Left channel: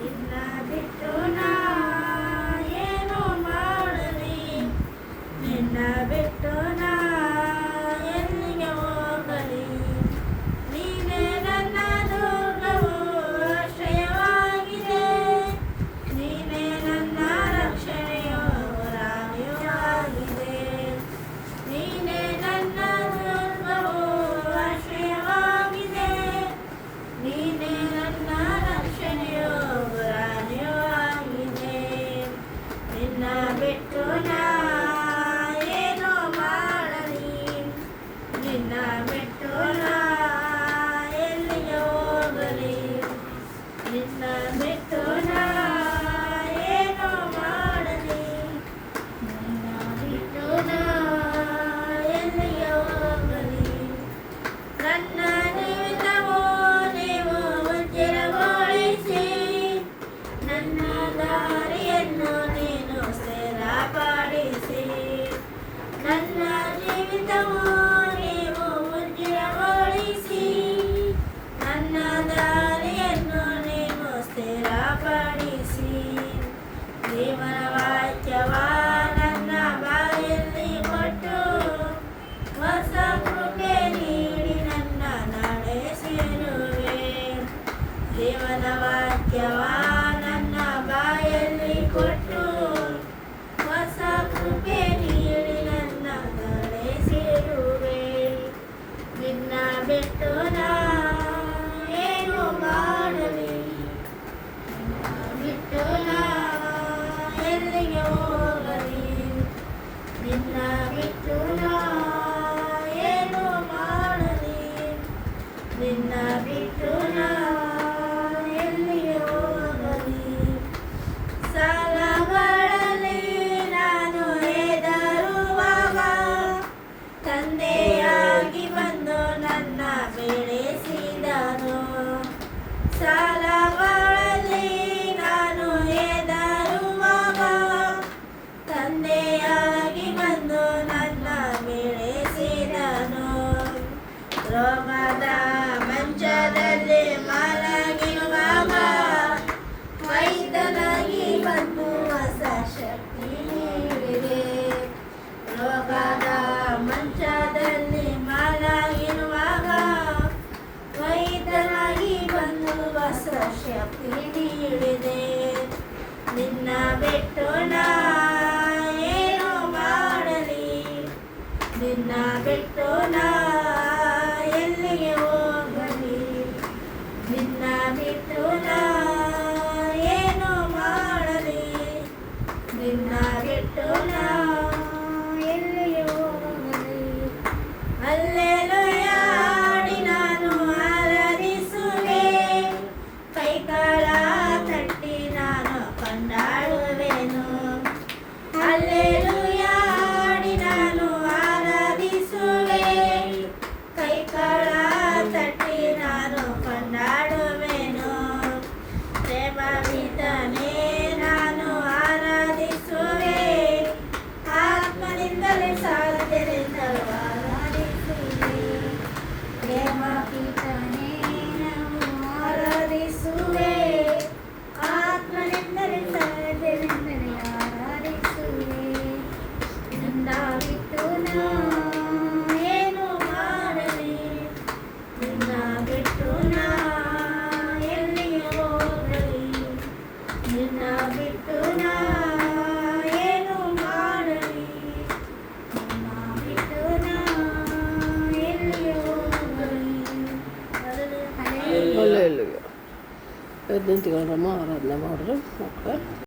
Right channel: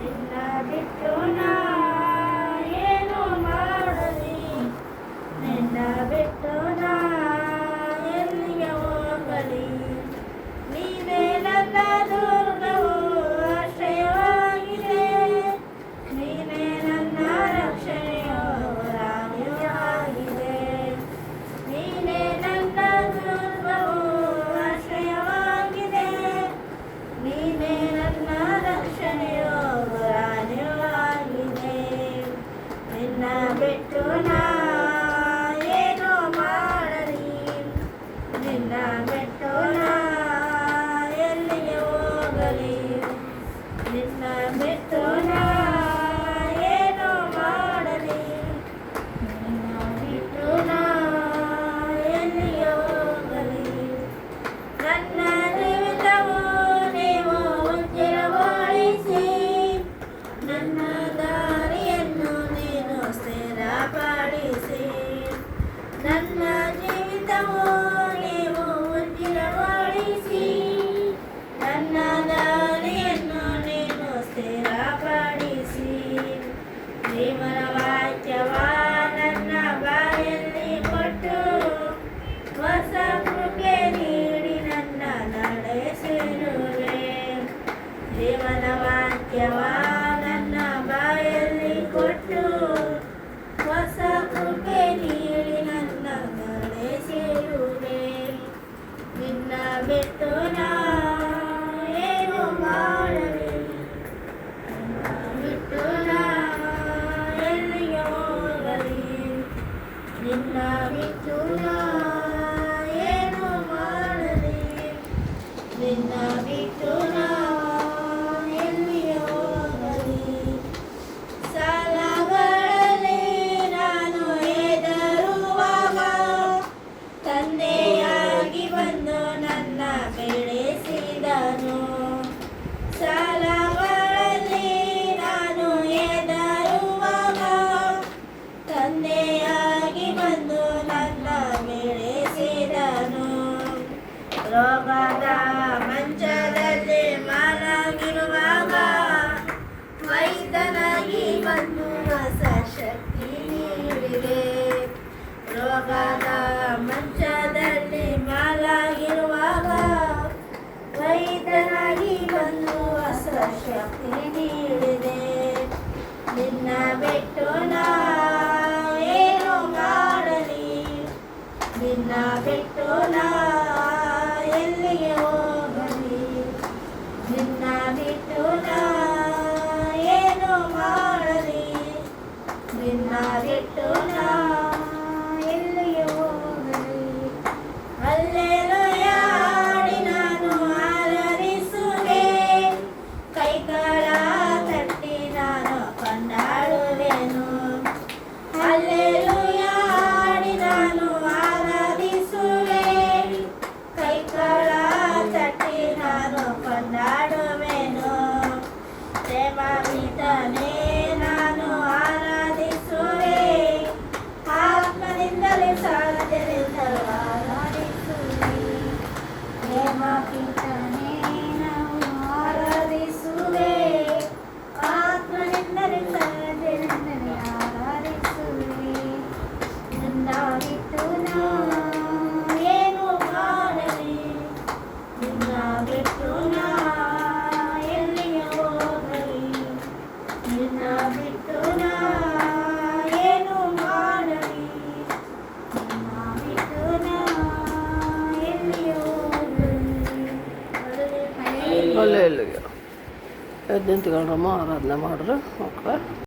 ನಿನ್ನ ಬಿಟ್ಟು ನಾ ಏನು ಮಾಡಲಿ, ನಿನ್ನ ಬಿಟ್ಟು ನಾ ಎಲ್ಲಿಗೆ ಹೋಗಲಿ. ನೀನೇ ನನ್ನ ದುರ್ಗವು ಆಶ್ರಯವಾಗಿದೆ, ನೀನೇ ನನ್ನ ರಕ್ಷಣೆಯು ರಾಣಿಯೂ ಆಗಿದೆ. ನೀನೇ ನನ್ನ ದುರ್ಗವು ಆಶ್ರಯವಾಗಿದೆ, ನೀನೇ ನನ್ನ ರಕ್ಷಣೆಯು ರಾಣಿಯೂ ಆಗಿದೆ. ನಿನ್ನ ಬಿಟ್ಟು ನಾ ಏನು ಮಾಡಲಿ, ನಿನ್ನ ಬಿಟ್ಟು ನಾ ಎಲ್ಲಿಗೆ ಹೋಗಲಿ. ನಿನ್ನ ಬಿಟ್ಟು ನಾ ಏನು ಮಾಡಲಿ, ನಿನ್ನ ಬಿಟ್ಟು ನಾ ಎಲ್ಲಿಗೆ ಹೋಗಲಿ. ನನ್ನ ಜೀವಿತವು ನೀವು ಉಜ್ಜಲಗೊಳಿಸಿ, ನನ್ನ ದಾರಿಯನ್ನು ನೀನು ಸ್ಥಿರಪಡಿಸಿ. ನನ್ನ ಜೀವಿತವು ನೀವು ಉಜ್ಜಲಗೊಳಿಸಿ, ನನ್ನ ದಾರಿಯನ್ನು ನೀನು ಸ್ಥಿರಪಡಿಸಿ. ಜೀವನ ವಾಕ್ಯವ ನನ್ನ ಬಾಯಲ್ಲಿ ಕೊಟ್ಟು, ಹೊಸ ಕೃಪೆ ನೀಡಿ ನನ್ನ ನಡೆಸಿರುವೆ. ಜೀವನ ವಾಕ್ಯವ ನನ್ನ ಬಾಯಲ್ಲಿ ಕೊಟ್ಟು, ಹೊಸ ಕೃಪೆ ನೀಡಿ ನನ್ನ ನಡೆಸಿರುವೆ. ನಿನ್ನ ಬಿಟ್ಟು ನಾ ಏನು ಮಾಡಲಿ, ನಿನ್ನ ಬಿಟ್ಟು ನಾ ಎಲ್ಲಿಗೆ ಹೋಗಲಿ. ನಿನ್ನ ಬಿಟ್ಟು ನಾ ಏನು ಮಾಡಲಿ, ನಿನ್ನ ಬಿಟ್ಟು ನಾ ಎಲ್ಲಿಗೆ ಹೋಗಲಿ. ಸಾಲಗಳಲ್ಲಿ ನಾನು ಹೆದರುವಾಗ, ತಂದೆಯಾಗಿ ಬಂದು ನನ್ನ ಬೆಳೆಸಿದನು. ಸಾಲಗಳಲ್ಲಿ ನಾನು ಹೆದರುವಾಗ, ತಂದೆಯಾಗಿ ಬಂದು ನನ್ನ ಬೆಳೆಸಿದನು. ರೋಗದ ಮಂಚದಲ್ಲಿ ಮಲಗಿರುವಾಗ, ವೈದ್ಯನಾಗಿ ಬಂದು ಹೊಸ ಶಕ್ತಿ ನೀಡಿದೆ. ರೋಗದ ಮಂಚದಲ್ಲಿ ಮಲಗಿರುವಾಗ, ವೈದ್ಯನಾಗಿ ಬಂದು ಹೊಸ ಶಕ್ತಿ ನೀಡಿದೆ. ನಿನ್ನ ಬಿಟ್ಟು ನಾ ಏನು ಮಾಡಲಿ, ನಿನ್ನ ಬಿಟ್ಟು ನಾ ಎಲ್ಲಿಗೆ ಹೋಗಲಿ. ನಿನ್ನ ಬಿಟ್ಟು ನಾ ಏನು ಮಾಡಲಿ, ನಿನ್ನ ಬಿಟ್ಟು ನಾ ಎಲ್ಲಿಗೆ ಹೋಗಲಿ. ಹಲ್ಲೆಲೂಯಾ ಹಾಡಿ ನಾನು ಆರಾಧಿಸುವೆ, ಕೈಗಳ ತಟ್ಟಿ ನಾನು ಕೊಂಡಾಡುವೆನು. ಹಲ್ಲೆಲೂಯಾ ಹಾಡಿ ನಾನು ಆರಾಧಿಸುವೆ, ಕೈಗಳ ತಟ್ಟಿ ನಾನು ಕೊಂಡಾಡುವೆನು. ಪ್ರೇಮವಿದನೇ ನಾನು ಆರಾಧಿಸುವೆ, ಆತ್ಮನಿಂದಲೇ ಸಾಧ್ಯರಿಂದಲೂ ಆರಾಧಿಸುವೆ. ಪ್ರೇಮಪಿತನೇ ನಾವು ಆರಾಧಿಸುವೆ, ಆತ್ಮನಿಂದಲೇ ಸಾಧ್ಯರಿಂದಲೇ ಆರಾಧಿಸುವೆ. ನಿನ್ನ ಬಿಟ್ಟು ನಾ ಏನು ಮಾಡಲಿ, ನಿನ್ನ ಬಿಟ್ಟು ನಾ ಎಲ್ಲಿಗೆ ಹೋಗಲಿ. ನಿನ್ನ ಬಿಟ್ಟು ನಾ ಏನು ಮಾಡಲಿ, ನಿನ್ನ ಬಿಟ್ಟು ನಾ ಎಲ್ಲಿಗೆ ಹೋಗಲಿ. ಅಲ್ಲೇ ಇಲ್ಲಿಗೆ ಎದ್ದು ನಿಂತ್ಕೊಂಡ್ರಮ್ಮ ಆರಾಧನೆ ಮಾಡ್ರಿ ಮಕ್ಕಳ.